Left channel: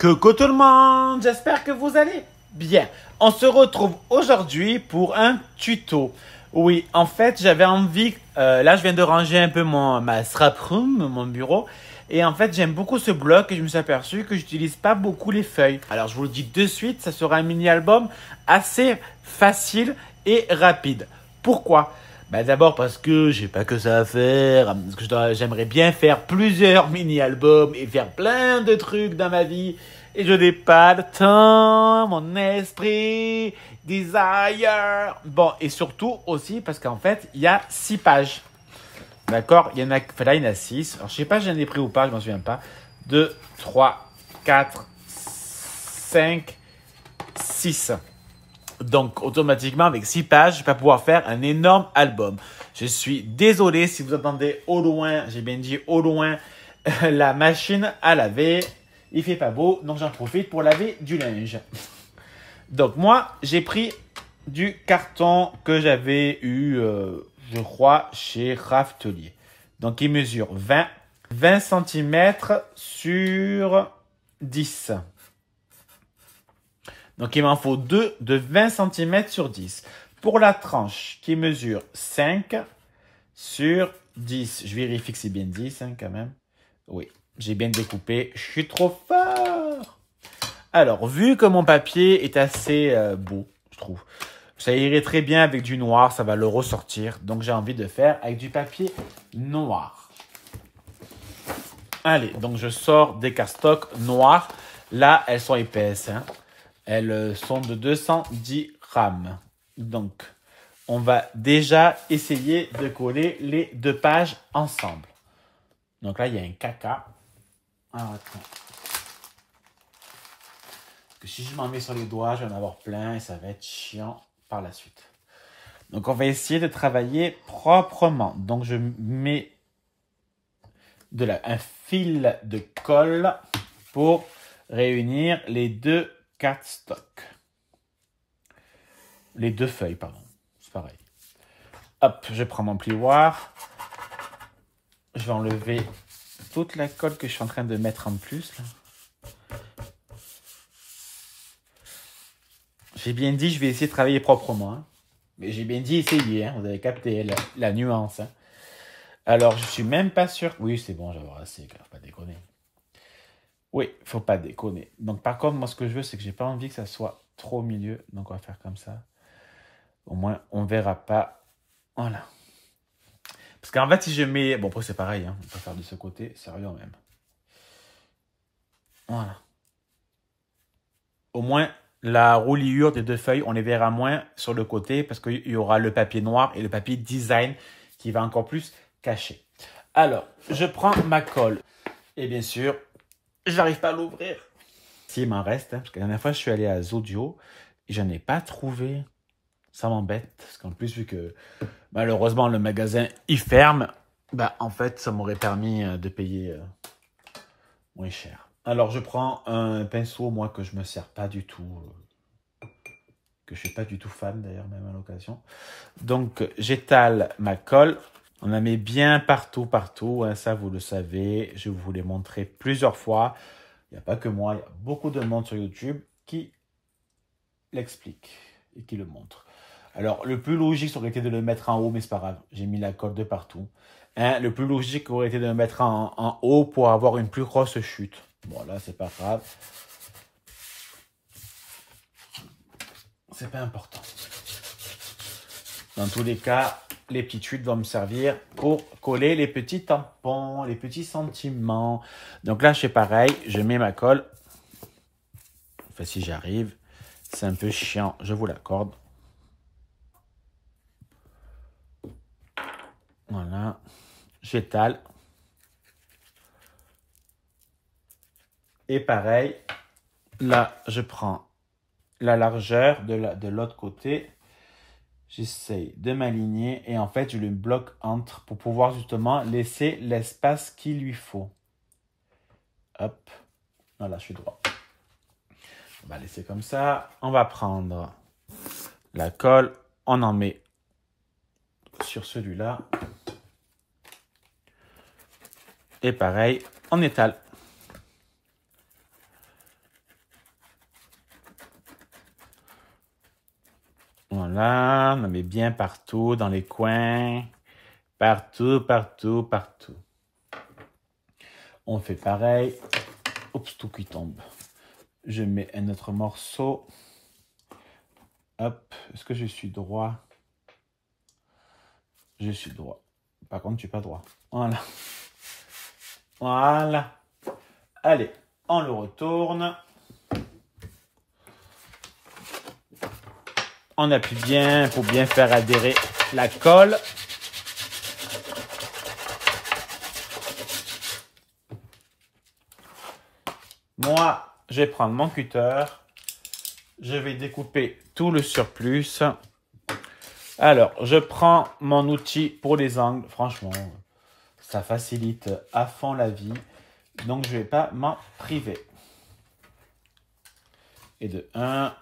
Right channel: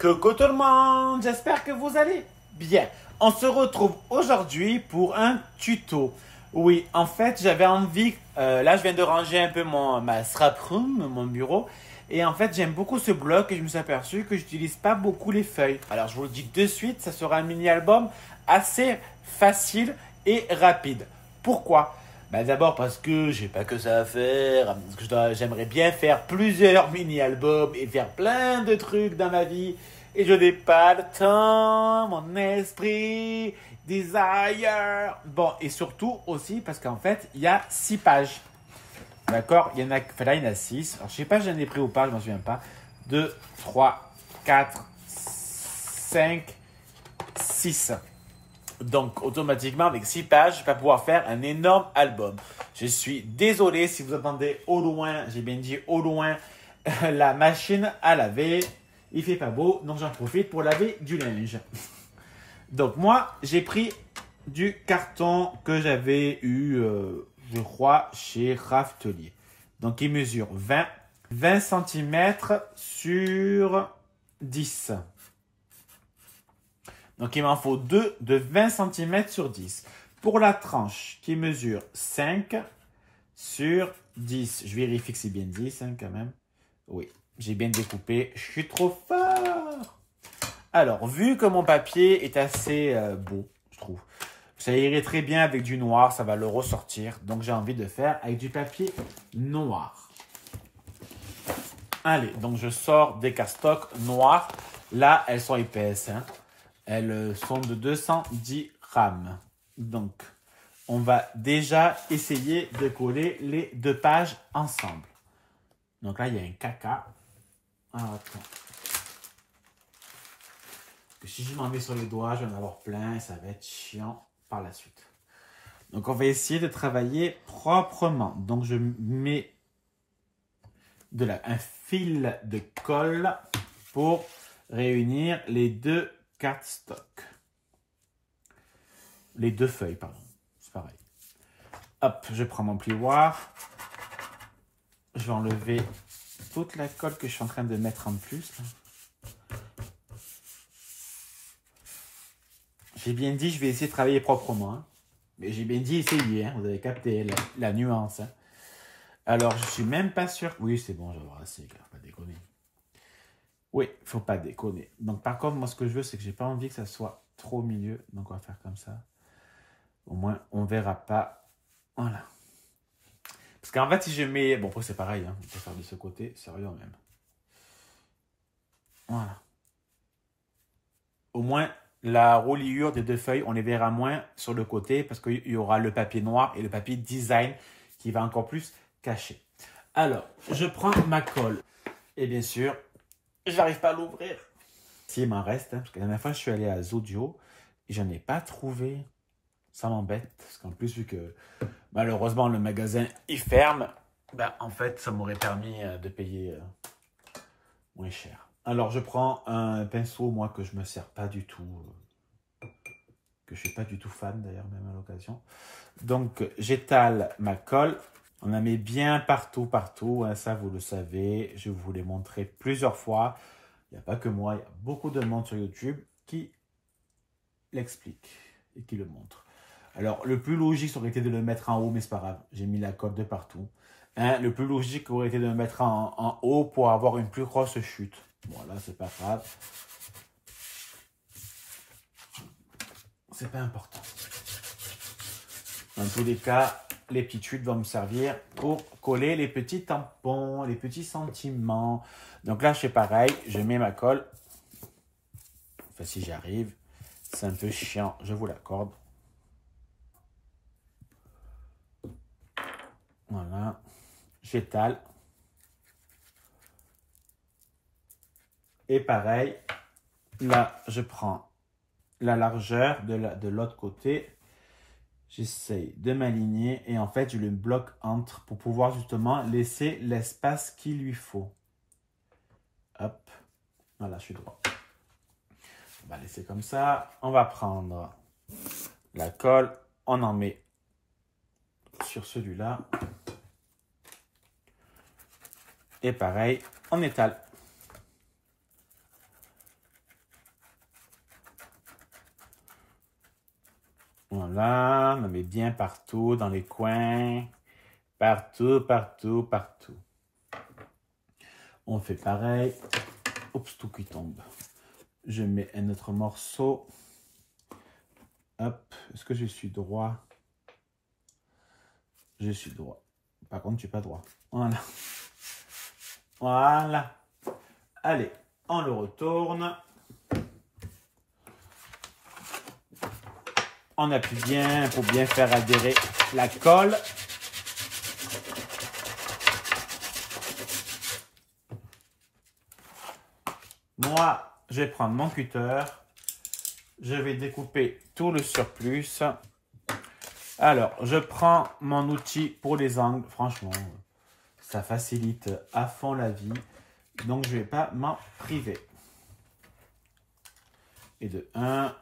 Coucou tout le monde, j'espère que vous allez bien. On se retrouve aujourd'hui pour un tuto. Oui, en fait, j'avais envie, là je viens de ranger un peu ma scrap room, mon bureau. Et en fait, j'aime beaucoup ce bloc et je me suis aperçu que j'utilise pas beaucoup les feuilles. Alors je vous le dis de suite, ça sera un mini-album assez facile et rapide. Pourquoi? D'abord parce que j'ai pas que ça à faire, parce que j'aimerais bien faire plusieurs mini-albums et faire plein de trucs dans ma vie. Et je n'ai pas le temps, mon esprit, desire. Bon, et surtout aussi parce qu'en fait, il y a 6 pages. D'accord? Il y en a, enfin là, il y en a 6. Alors, je sais pas si j'en ai pris ou pas, je m'en souviens pas. 2, 3, 4, 5, 6. Donc, automatiquement, avec 6 pages, je vais pas pouvoir faire un énorme album. Je suis désolé si vous entendez au loin, j'ai bien dit au loin, la machine à laver. Il fait pas beau, donc j'en profite pour laver du linge. Donc, moi, j'ai pris du carton que j'avais eu, je crois, chez Raftelier. Donc, il mesure 20 cm sur 10. Donc, il m'en faut 2 de 20 cm sur 10. Pour la tranche qui mesure 5 sur 10. Je vérifie que c'est bien 10 hein, quand même. Oui, j'ai bien découpé. Je suis trop fort. Alors, vu que mon papier est assez beau, je trouve. Ça irait très bien avec du noir, ça va le ressortir. Donc, j'ai envie de faire avec du papier noir. Allez, donc je sors des cardstocks noirs. Là, elles sont épaisses, hein. Elles sont de 210 grammes. Donc, on va déjà essayer de coller les 2 pages ensemble. Donc là, il y a un caca. Alors, attends. Que si je m'en mets sur les doigts, je vais en avoir plein et ça va être chiant par la suite. Donc, on va essayer de travailler proprement. Donc, je mets un fil de colle pour réunir les 2 cardstocks. Les 2 feuilles, pardon. C'est pareil. Hop, je prends mon plioir. Je vais enlever toute la colle que je suis en train de mettre en plus. J'ai bien dit, je vais essayer de travailler proprement. Hein. Mais j'ai bien dit essayer. Hein. Vous avez capté la nuance. Hein. Alors, je suis même pas sûr. Oui, c'est bon, j'avais assez. Faut pas déconner. Oui, faut pas déconner. Donc, par contre, moi, ce que je veux, c'est que j'ai pas envie que ça soit trop au milieu. Donc, on va faire comme ça. Au moins, on verra pas. Voilà. Parce qu'en fait, si je mets... Bon, après, c'est pareil. Hein. On peut faire de ce côté. Sérieux même. Voilà. Au moins, la roulure des 2 feuilles, on les verra moins sur le côté parce qu'il y aura le papier noir et le papier design qui va encore plus cacher. Alors, je prends ma colle. Et bien sûr, je n'arrive pas à l'ouvrir. Si, il m'en reste. Hein, parce que la dernière fois, je suis allé à Zodio et je n'en ai pas trouvé. Ça m'embête. Parce qu'en plus, vu que malheureusement, le magasin, il ferme, en fait, ça m'aurait permis de payer moins cher. Alors, je prends un pinceau, moi, que je me sers pas du tout. Que je suis pas du tout fan, d'ailleurs, même à l'occasion. Donc, j'étale ma colle. On la met bien partout, partout. Hein, ça, vous le savez. Je vous l'ai montré plusieurs fois. Il n'y a pas que moi. Il y a beaucoup de monde sur YouTube qui l'explique et qui le montre. Alors, le plus logique aurait été de le mettre en haut, mais c'est pas grave. J'ai mis la colle de partout. Hein, le plus logique aurait été de le mettre en haut pour avoir une plus grosse chute. Bon, là, c'est pas grave. C'est pas important. Dans tous les cas, les petites chutes vont me servir pour coller les petits tampons, les petits sentiments. Donc là, je fais pareil. Je mets ma colle. Enfin, si j'y arrive. C'est un peu chiant, je vous l'accorde. Voilà. J'étale. Et pareil, là, je prends la largeur de l'autre côté. J'essaye de m'aligner et en fait, je le bloque entre pour pouvoir justement laisser l'espace qu'il lui faut. Hop. Voilà, je suis droit. On va laisser comme ça. On va prendre la colle. On en met sur celui-là. Et pareil, on étale. Voilà, on en met bien partout, dans les coins. Partout, partout, partout. On fait pareil. Oups, tout qui tombe. Je mets un autre morceau. Hop, est-ce que je suis droit? Je suis droit. Par contre, je ne suis pas droit. Voilà. Voilà. Allez, on le retourne. On appuie bien pour bien faire adhérer la colle. Moi, je vais prendre mon cutter. Je vais découper tout le surplus. Alors, je prends mon outil pour les angles. Franchement, ça facilite à fond la vie. Donc, je ne vais pas m'en priver. Et de 1.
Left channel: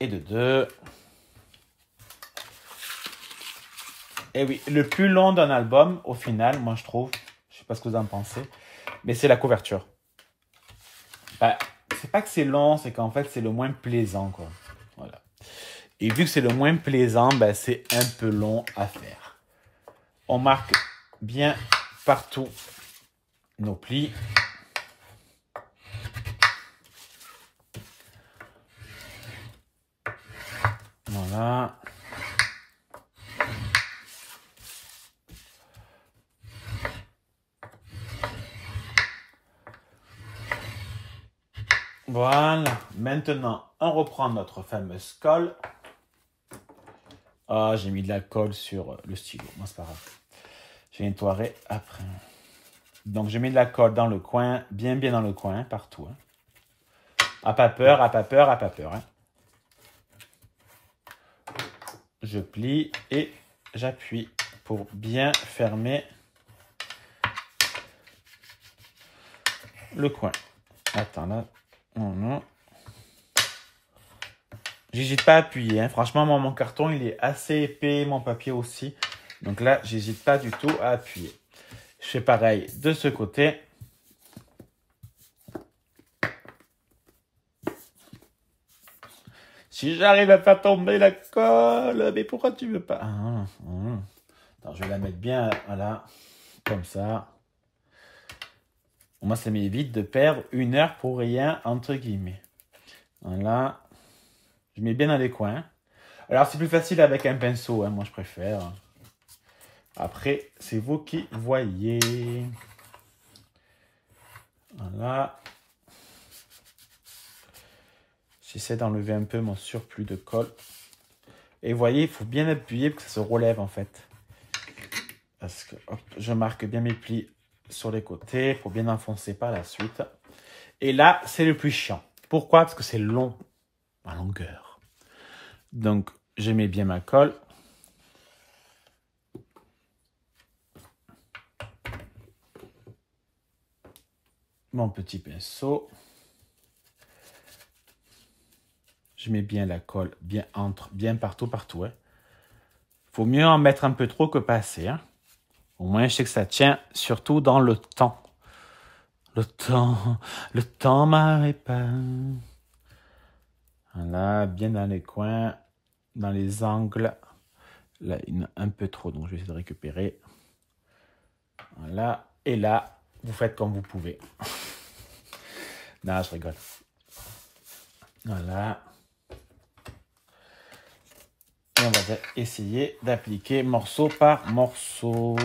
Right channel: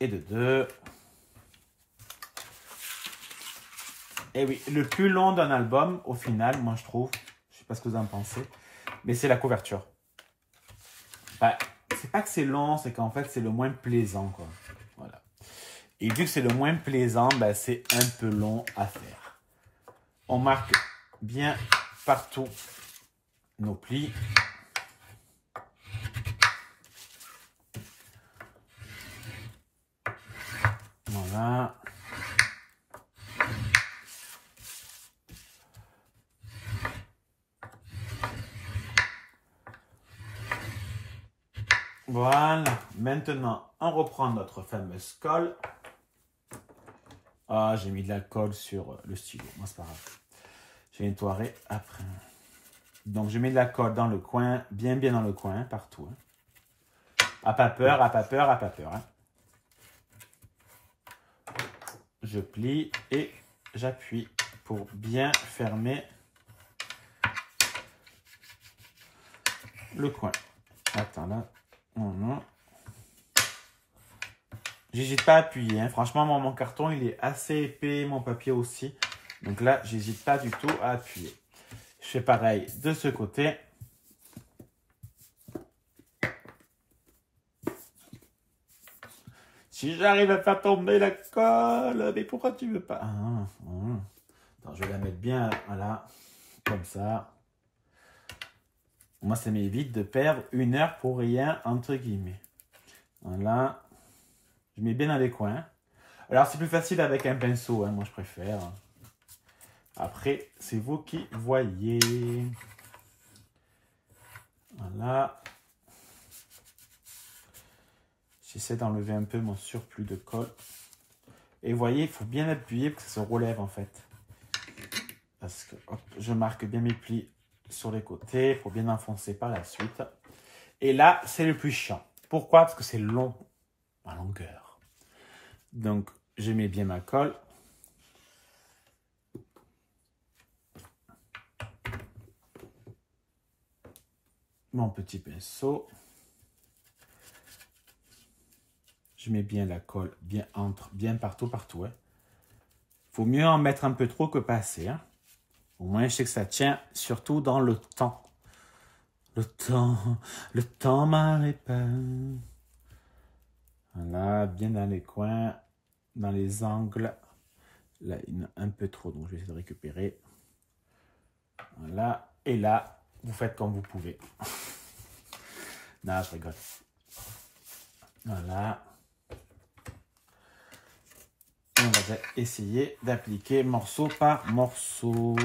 Et de 2. Et oui, le plus long d'un album, au final, moi je trouve, je ne sais pas ce que vous en pensez, mais c'est la couverture. Bah, c'est pas que c'est long, c'est qu'en fait c'est le moins plaisant, quoi. Voilà. Et vu que c'est le moins plaisant, bah, c'est un peu long à faire. On marque bien partout nos plis. Voilà. Voilà. Maintenant, on reprend notre fameuse colle. Ah, j'ai mis de la colle sur le stylo. Moi, c'est pas grave. Je nettoierai après. Donc, je mets de la colle dans le coin, bien dans le coin, partout. Hein. À pas peur, à pas peur, à pas peur. Hein. Je plie et j'appuie pour bien fermer le coin. Attends, là. J'hésite pas à appuyer. Hein. Franchement, mon carton, il est assez épais, mon papier aussi. Donc là, j'hésite pas du tout à appuyer. Je fais pareil de ce côté. Si j'arrive à faire tomber la colle, mais pourquoi tu veux pas? Attends, je vais la mettre bien, voilà, comme ça. Moi, ça m'évite de perdre 1 heure pour rien, entre guillemets. Voilà. Je mets bien dans les coins. Alors, c'est plus facile avec un pinceau, hein, moi je préfère. Après, c'est vous qui voyez. Voilà. J'essaie d'enlever un peu mon surplus de colle. Et vous voyez, il faut bien appuyer pour que ça se relève en fait. Parce que hop, je marque bien mes plis sur les côtés pour bien enfoncer par la suite. Et là, c'est le plus chiant. Pourquoi? Parce que c'est long en longueur. Donc, je mets bien ma colle. Mon petit pinceau. Je mets bien la colle, bien partout. Hein. Faut mieux en mettre un peu trop que pas assez. Hein. Au moins, je sais que ça tient, surtout dans le temps. Le temps m'arrête pas. Voilà, bien dans les coins, dans les angles. Là, il y en a un peu trop, donc je vais essayer de récupérer. Voilà, et là, vous faites comme vous pouvez. Non, je rigole. Voilà. On va essayer d'appliquer morceau par morceau.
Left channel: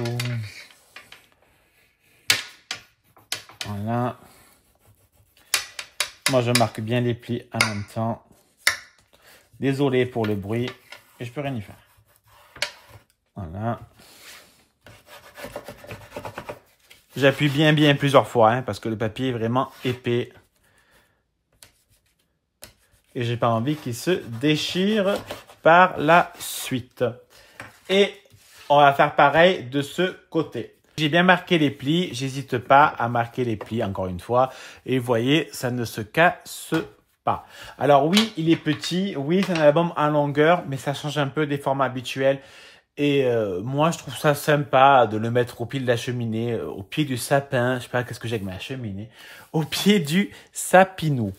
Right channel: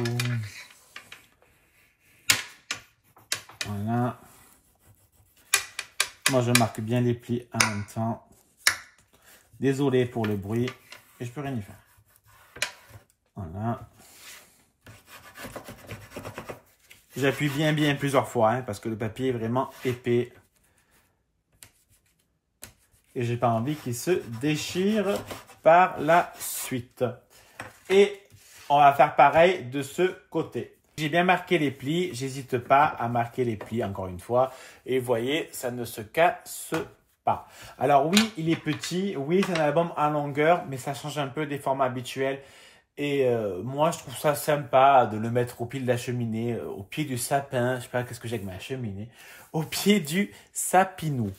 Voilà. Moi, je marque bien les plis en même temps. Désolé pour le bruit. Et je peux rien y faire. Voilà. J'appuie bien plusieurs fois. Hein, parce que le papier est vraiment épais. Et j'ai pas envie qu'il se déchire par la suite. Et on va faire pareil de ce côté. J'ai bien marqué les plis, j'hésite pas à marquer les plis encore une fois. Et vous voyez, ça ne se casse pas. Alors oui, il est petit, oui, c'est un album en longueur, mais ça change un peu des formats habituels. Et moi, je trouve ça sympa de le mettre au pied de la cheminée, au pied du sapin. Je sais pas qu'est-ce que j'ai avec ma cheminée. Au pied du sapinou.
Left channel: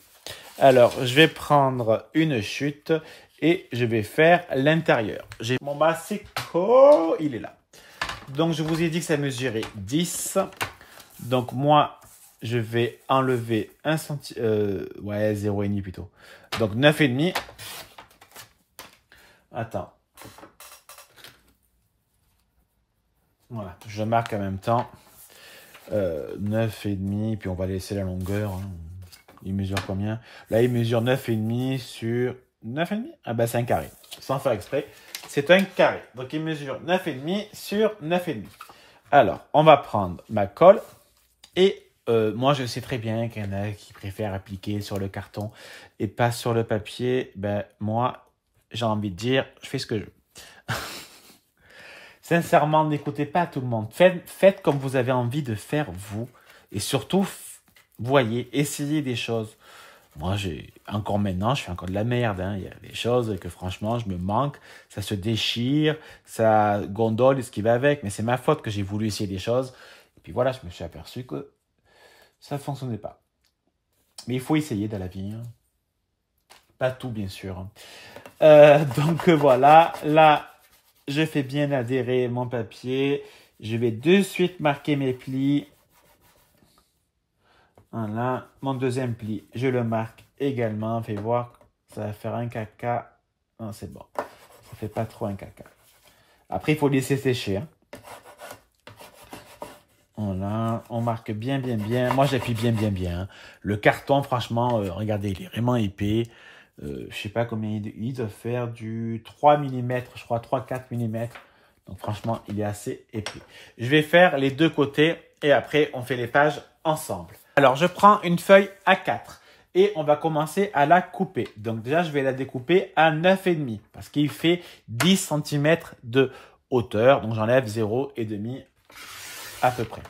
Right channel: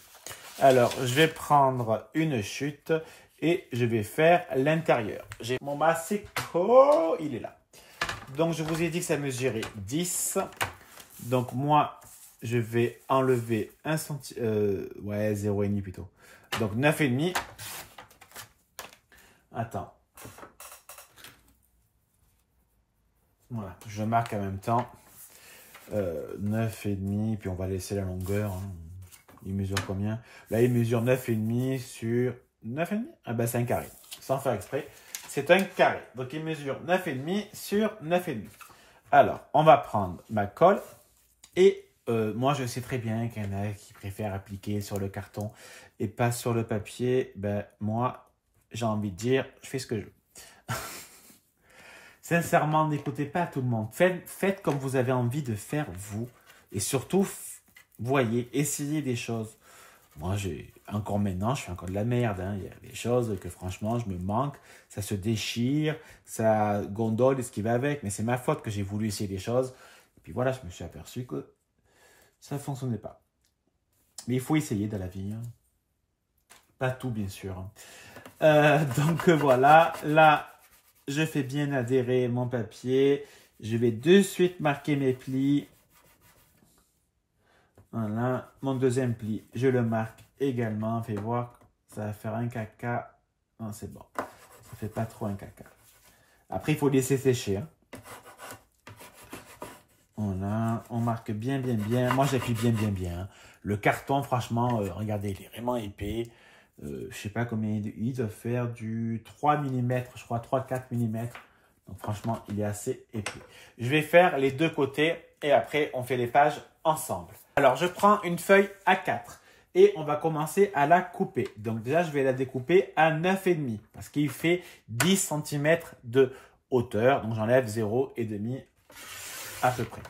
Alors, je vais prendre une chute et je vais faire l'intérieur. J'ai mon massicot, il est là. Donc, je vous ai dit que ça mesurait 10. Donc, moi, je vais enlever 1 cm. Ouais, 0,5 plutôt. Donc, 9,5. Attends. Voilà, je marque en même temps. 9,5, puis on va laisser la longueur. Hein. Il mesure combien? Là, il mesure 9,5 sur 9,5? Ah ben, c'est un carré. Sans faire exprès. C'est un carré. Donc, il mesure 9,5 sur 9,5. Alors, on va prendre ma colle. Et moi, je sais très bien qu'il y en a qui préfèrent appliquer sur le carton et pas sur le papier. Ben, moi, j'ai envie de dire, je fais ce que je veux. Sincèrement, n'écoutez pas tout le monde. Faites comme vous avez envie de faire vous. Et surtout, voyez, essayez des choses. Moi, encore maintenant, je fais encore de la merde. Hein. Il y a des choses que franchement, je me manque. Ça se déchire, ça gondole et ce qui va avec. Mais c'est ma faute que j'ai voulu essayer des choses. Et puis voilà, je me suis aperçu que ça ne fonctionnait pas. Mais il faut essayer dans la vie. Hein. Pas tout, bien sûr. Donc voilà, là, je fais bien adhérer mon papier. Je vais de suite marquer mes plis. Voilà, mon deuxième pli, je le marque également. Fais voir, ça va faire un caca. Non, c'est bon. Ça fait pas trop un caca. Après, il faut laisser sécher. Hein. Voilà, on marque bien, bien, bien. Moi, j'appuie bien, bien, bien. Le carton, franchement, regardez, il est vraiment épais. Je sais pas combien il doit faire, du 3 mm, je crois 3-4 mm. Donc franchement, il est assez épais. Je vais faire les deux côtés et après, on fait les pages ensemble. Alors, je prends une feuille A4 et on va commencer à la couper. Donc déjà, je vais la découper à 9,5 parce qu'il fait 10 cm de hauteur. Donc j'enlève 0,5 à peu près.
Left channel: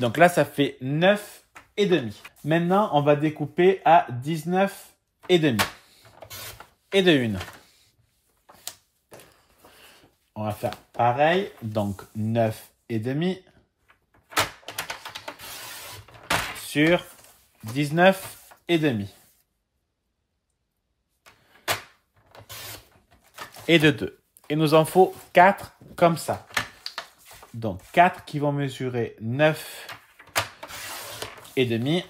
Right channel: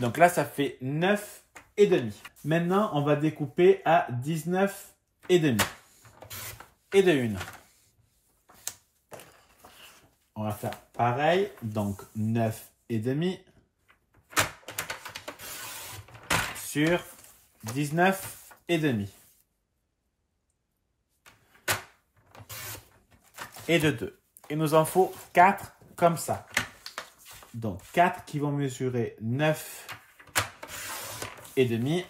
Donc là, ça fait 9,5. Maintenant, on va découper à 19,5. Et de une. On va faire pareil, donc 9,5 sur 19,5. Et de 2. Il nous en faut 4 comme ça. Donc 4 qui vont mesurer 9,5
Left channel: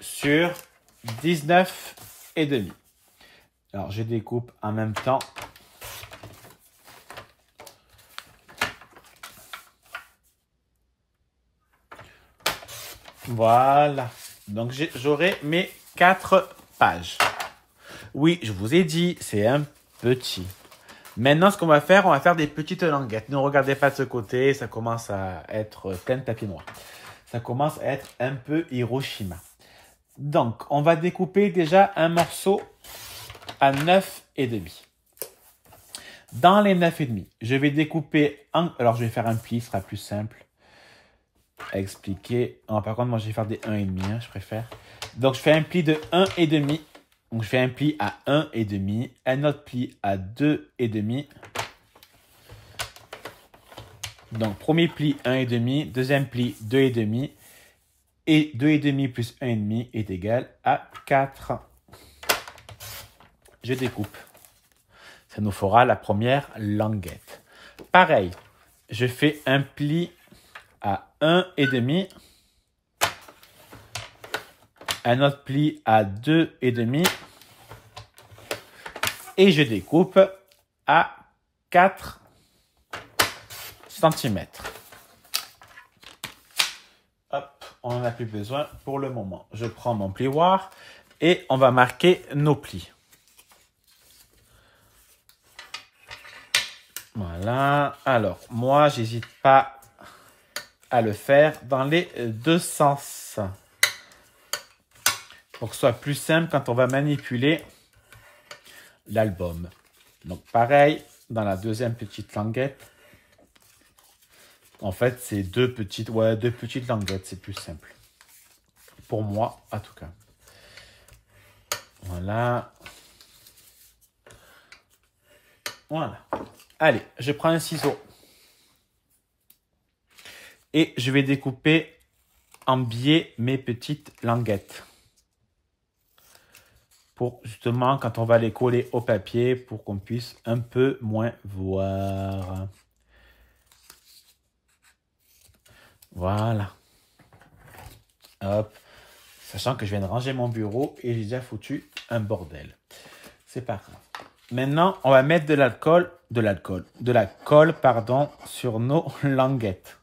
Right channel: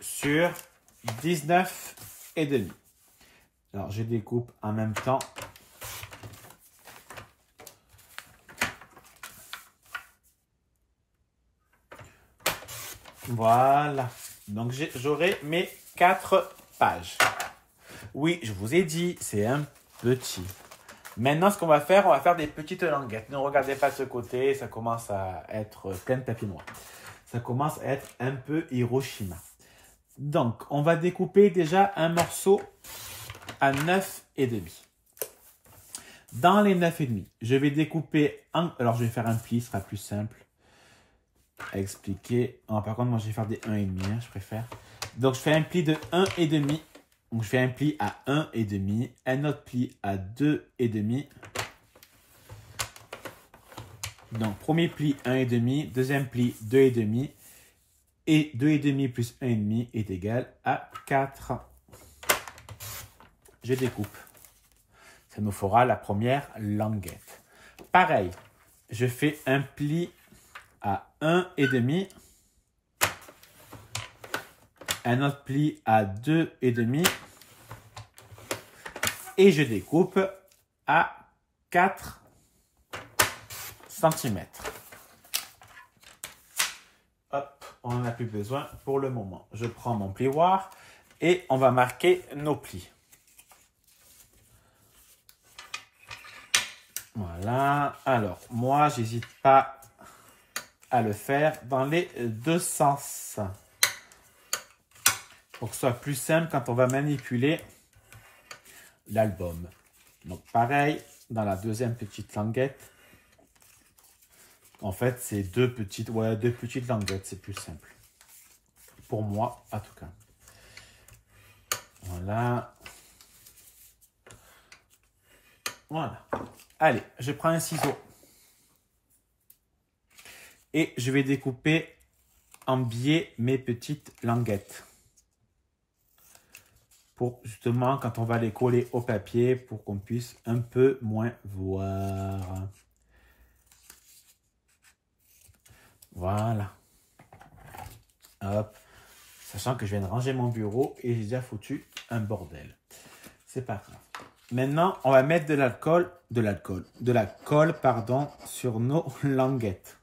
sur 19,5. Alors, je découpe en même temps. Voilà. Donc, j'aurai mes 4 pages. Oui, je vous ai dit, c'est un petit. Maintenant, ce qu'on va faire des petites languettes. Ne regardez pas de ce côté, ça commence à être plein de tapis noirs. Ça commence à être un peu Hiroshima. Donc, on va découper déjà un morceau à 9,5. Dans les 9,5, je vais découper un... Alors, je vais faire un pli, ce sera plus simple à expliquer. Oh, par contre, moi, je vais faire des 1,5, hein, je préfère. Donc, je fais un pli de 1,5. Donc, je fais un pli à 1,5, un autre pli à 2,5. Donc, premier pli 1,5, deuxième pli 2,5. Et 2,5 plus 1,5 est égal à 4. Je découpe. Ça nous fera la première languette. Pareil, je fais un pli à 1,5. Un autre pli à 2,5. Et je découpe à 4 cm. On n'en a plus besoin pour le moment. Je prends mon plioir et on va marquer nos plis. Voilà. Alors, moi, j'hésite pas à le faire dans les deux sens. Pour que ce soit plus simple quand on va manipuler l'album. Donc, pareil, dans la deuxième petite languette. En fait, c'est deux petites languettes, c'est plus simple. Pour moi, en tout cas. Voilà. Voilà. Allez, je prends un ciseau. Et je vais découper embier mes petites languettes. Pour justement, quand on va les coller au papier, pour qu'on puisse un peu moins voir. Voilà. Hop. Sachant que je viens de ranger mon bureau et j'ai déjà foutu un bordel. C'est pas grave. Maintenant, on va mettre de la colle, pardon, sur nos languettes.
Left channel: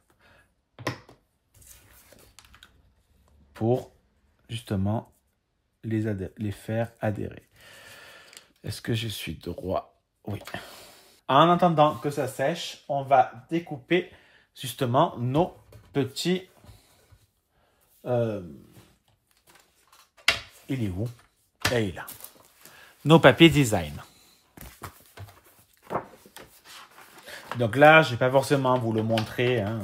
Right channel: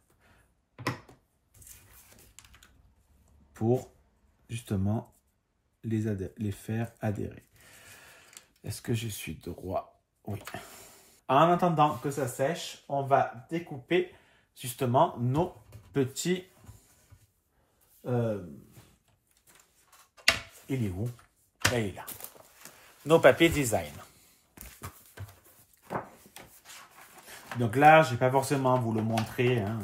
Pour, justement, les faire adhérer. Est-ce que je suis droit? Oui. En attendant que ça sèche, on va découper, justement, nos petits... il est où? Là, il est là. Nos papiers design. Donc là, je ne vais pas forcément vous le montrer. Hein.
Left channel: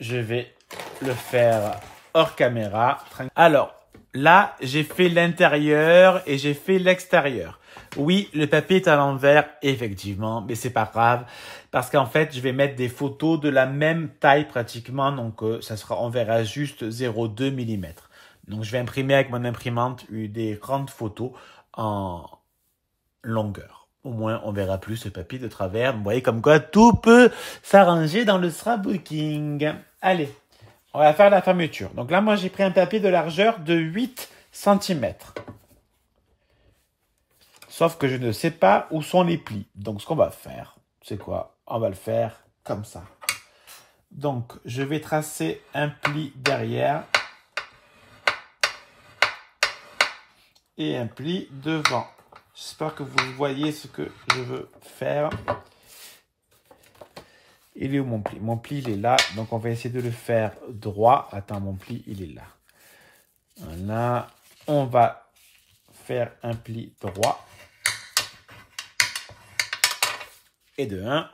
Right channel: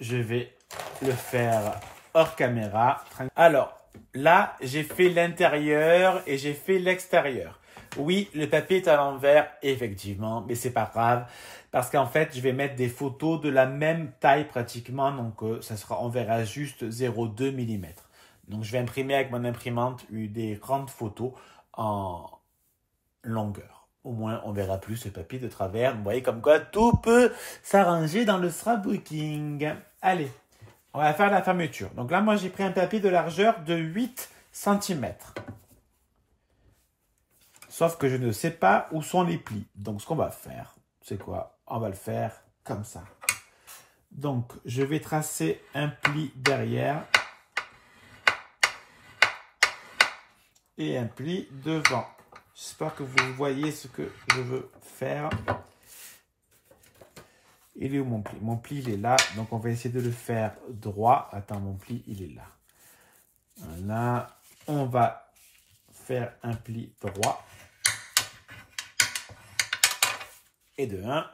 Je vais le faire hors caméra. Alors, là, j'ai fait l'intérieur et j'ai fait l'extérieur. Oui, le papier est à l'envers, effectivement, mais c'est pas grave. Parce qu'en fait, je vais mettre des photos de la même taille pratiquement. Donc, ça sera, on verra juste 0,2 mm. Donc, je vais imprimer avec mon imprimante des grandes photos en longueur. Au moins, on verra plus le papier de travers. Vous voyez comme quoi tout peut s'arranger dans le scrapbooking. Allez, on va faire la fermeture. Donc là, moi, j'ai pris un papier de largeur de 8 cm. Sauf que je ne sais pas où sont les plis. Donc, ce qu'on va faire, c'est quoi? On va le faire comme ça. Donc, je vais tracer un pli derrière. Et un pli devant. J'espère que vous voyez ce que je veux faire. Il est où mon pli? Mon pli, il est là. Donc, on va essayer de le faire droit. Attends, mon pli, il est là. Voilà. On va faire un pli droit. Et de 1.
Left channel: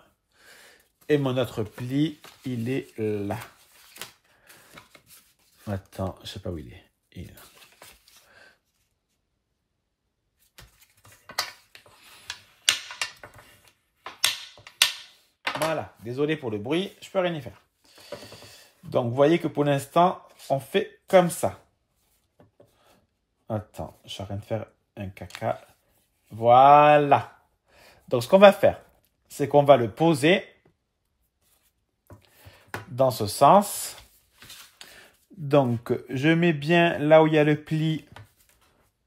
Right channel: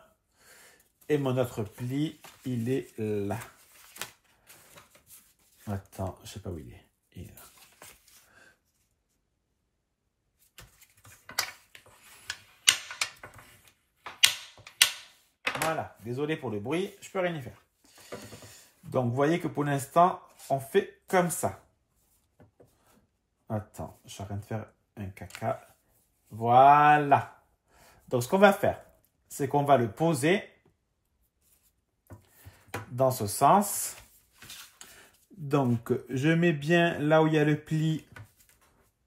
Et mon autre pli, il est là. Attends, je ne sais pas où il est. Il est là. Voilà, désolé pour le bruit, je peux rien y faire. Donc, vous voyez que pour l'instant, on fait comme ça. Attends, je suis en train de faire un caca. Voilà. Donc, ce qu'on va faire, c'est qu'on va le poser dans ce sens. Donc, je mets bien là où il y a le pli,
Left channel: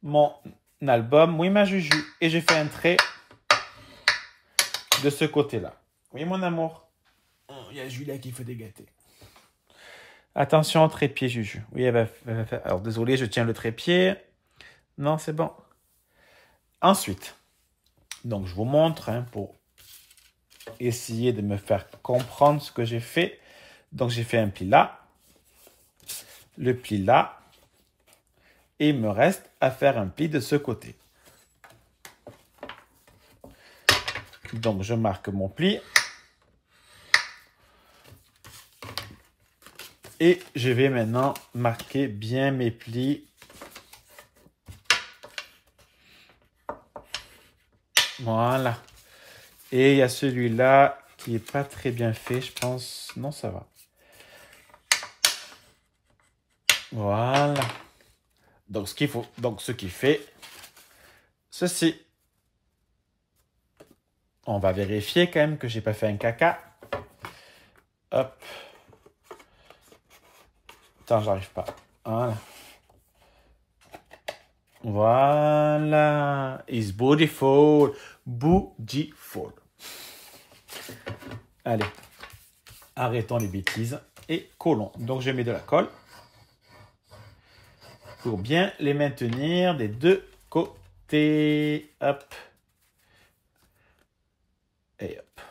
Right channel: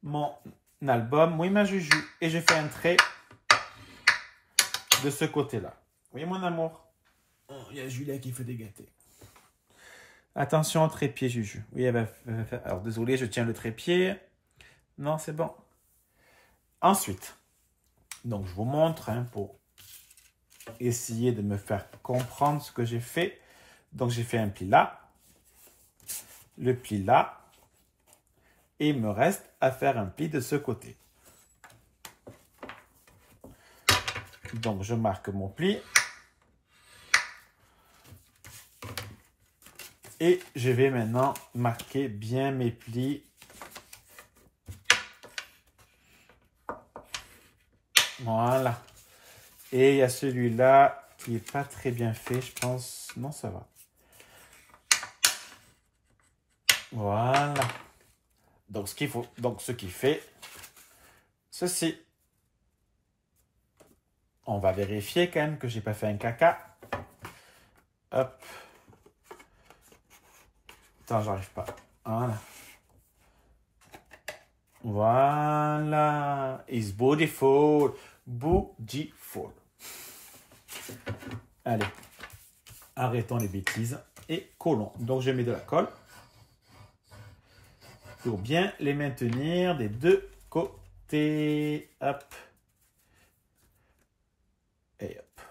mon album. Oui, ma Juju. Et je fais un trait de ce côté-là. Oui, mon amour. Il y a Julia qui fait des gâtés. Attention au trépied, Juju. Oui, elle va faire... Alors, désolé, je tiens le trépied. Non, c'est bon. Ensuite, donc je vous montre hein, pour essayer de me faire comprendre ce que j'ai fait. Donc, j'ai fait un pli là. Le pli là. Et il me reste à faire un pli de ce côté. Donc, je marque mon pli. Et je vais maintenant marquer bien mes plis. Voilà. Et il y a celui-là qui n'est pas très bien fait, je pense. Non, ça va. Voilà. Donc, ce qu'il faut, donc, ce qui fait ceci. On va vérifier quand même que j'ai pas fait un caca. Hop. Attends, j'arrive pas. Voilà. Voilà. It's beautiful. Beautiful. Allez. Arrêtons les bêtises et collons. Donc, je mets de la colle pour bien les maintenir des deux côtés. Hop. Et hop.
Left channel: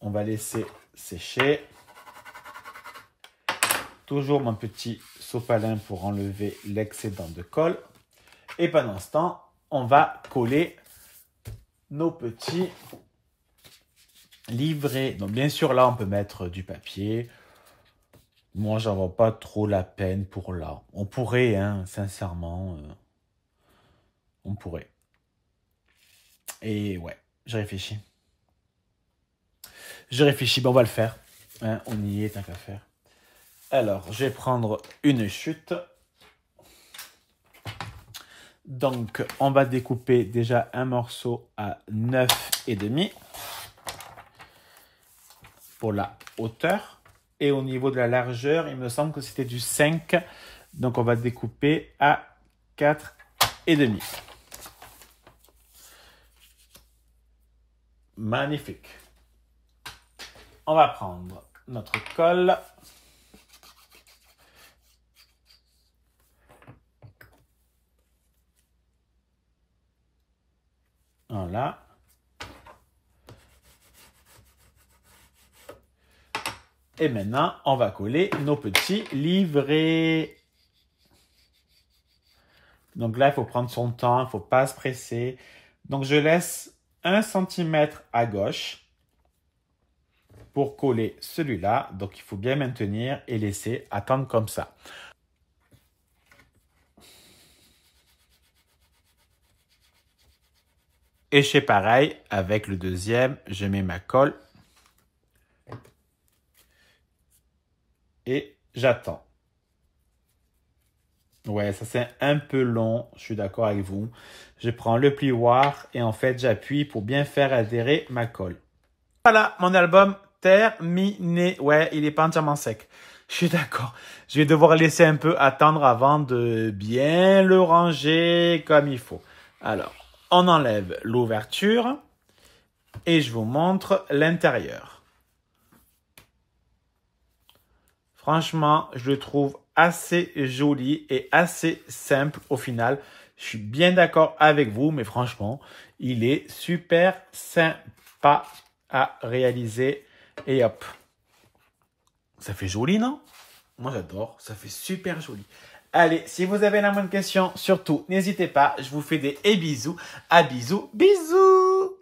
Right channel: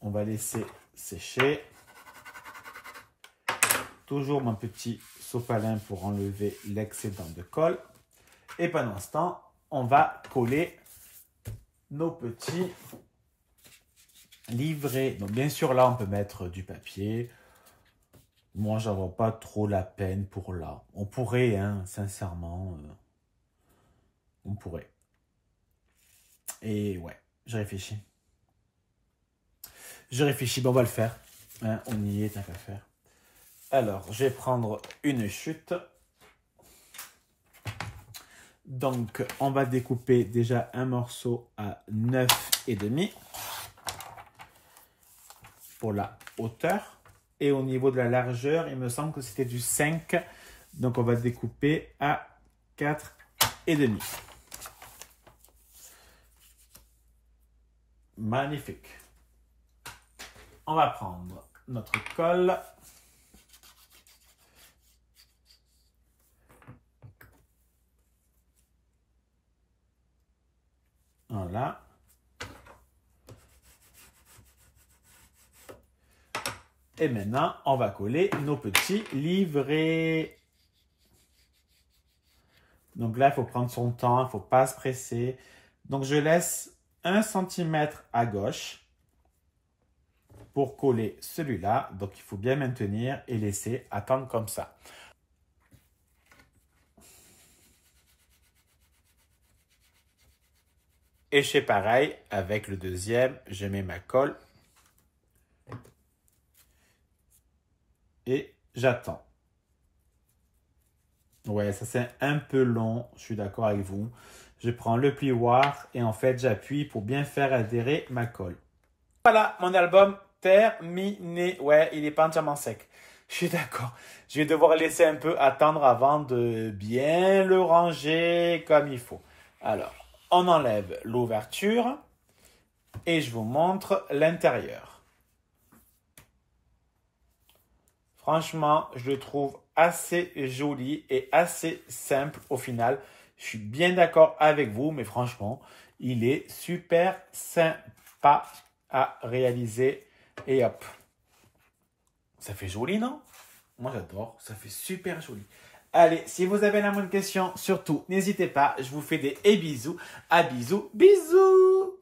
On va laisser sécher. Toujours mon petit sopalin pour enlever l'excédent de colle. Et pendant ce temps, on va coller nos petits livrets. Donc bien sûr, là, on peut mettre du papier. Moi, j'en vois pas trop la peine pour là. On pourrait, hein, sincèrement. On pourrait. Et ouais, je réfléchis. Je réfléchis, bon, on va le faire. Hein, on y est, tant qu'à faire. Alors, je vais prendre une chute. Donc, on va découper déjà un morceau à 9,5 pour la hauteur. Et au niveau de la largeur, il me semble que c'était du 5. Donc, on va découper à 4,5. Magnifique. On va prendre notre colle. Voilà. Et maintenant, on va coller nos petits livrets. Donc là, il faut prendre son temps, il ne faut pas se presser. Donc, je laisse 1 cm à gauche pour coller celui-là. Donc, il faut bien maintenir et laisser attendre comme ça. Et je fais pareil avec le deuxième. Je mets ma colle. Et j'attends. Ouais, ça c'est un peu long. Je suis d'accord avec vous. Je prends le plioir et en fait, j'appuie pour bien faire adhérer ma colle. Voilà, mon album terminé. Ouais, il n'est pas entièrement sec. Je suis d'accord. Je vais devoir laisser un peu attendre avant de bien le ranger comme il faut. Alors, on enlève l'ouverture et je vous montre l'intérieur. Franchement, je le trouve assez joli et assez simple au final. Je suis bien d'accord avec vous, mais franchement, il est super sympa à réaliser. Et hop, ça fait joli, non? Moi, j'adore. Ça fait super joli. Allez, si vous avez la moindre question, surtout, n'hésitez pas. Je vous fais des bisous. À bisous, bisous!